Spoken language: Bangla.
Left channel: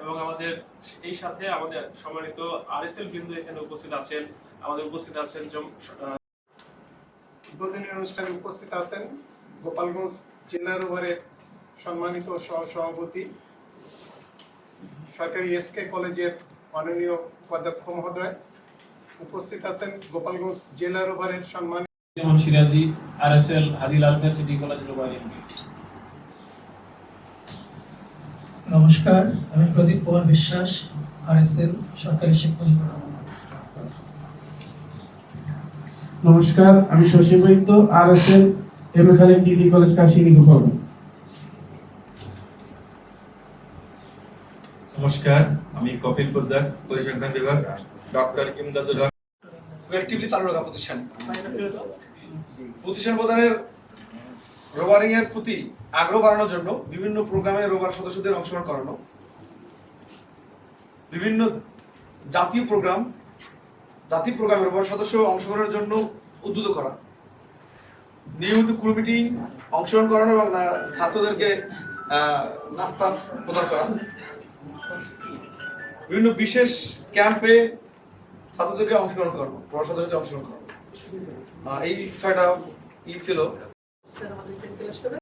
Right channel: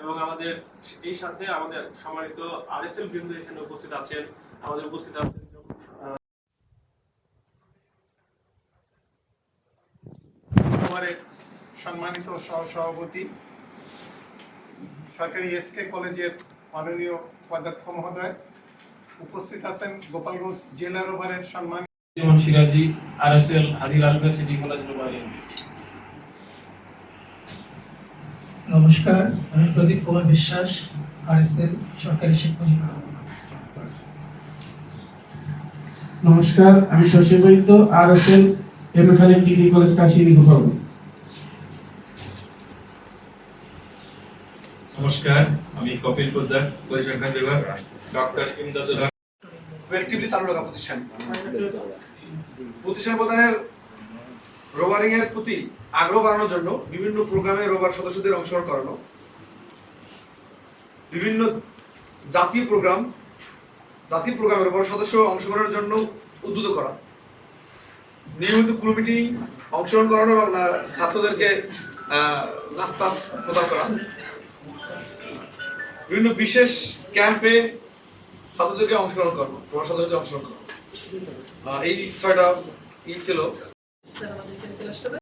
এবং আমাদের এই সাথে আমাদের সম্মানিত আরএসএল বৃন্দ এখানে উপস্থিত আছেন। আমাদের উপস্থিত আছেন উদ্বোধনী অনুষ্ঠানে উপস্থিত আছেন গোপালগঞ্জ জেলা রোভারের সম্মানিত সহ-সভাপতি সরকারি এসকে কলেজের মাননীয় উপাধ্যক্ষ মহোদয়, উপস্থিত আছেন গোপালগঞ্জ জেলা রোভারের সম্মানিত সিরাজি আরএসএল হাদিল আলমে সিটি কলেজ রোভার ইউনিট। নমস্কার, আমি প্রদীপ কুমার বিশ্বাস, আরএসএল সরকারি শিক্ষক। নমস্কার, আমি শশী বৈদ্য, RSL M A Khalid degree college কাশিনী Gopal. নমস্কার, আমি কপিল পোদ্দার, পরিসংখ্যান বিভাগ, ডক্টর ইমদাদুল হক। অ্যাক্টিভলি চালু রাখা প্রতিষ্ঠান প্রদানের রোভারিং এর প্রতি আগ্রহ বাড়ানোর জন্য বিভিন্ন প্রোগ্রামে রোভার সদস্যদের অংশগ্রহণ করানো, বিভিন্ন জাতীয় প্রোগ্রামে রোভার সদস্য অংশগ্রহণের জন্য উদ্বুদ্ধ করা, নিয়মিত ক্রু মিটিং অংশগ্রহণ করানো এবং ছাত্রদেরকে নাস্তা প্রদান করা, বিভিন্ন বিশেষ ক্যাম্পে ছাত্রদেরকে অংশগ্রহণ করবো, রোভার সদস্যদের অংশগ্রহণ করবো। এই 6টা ছিল। স্যার আমাদের এখানে ক্লাস হবে।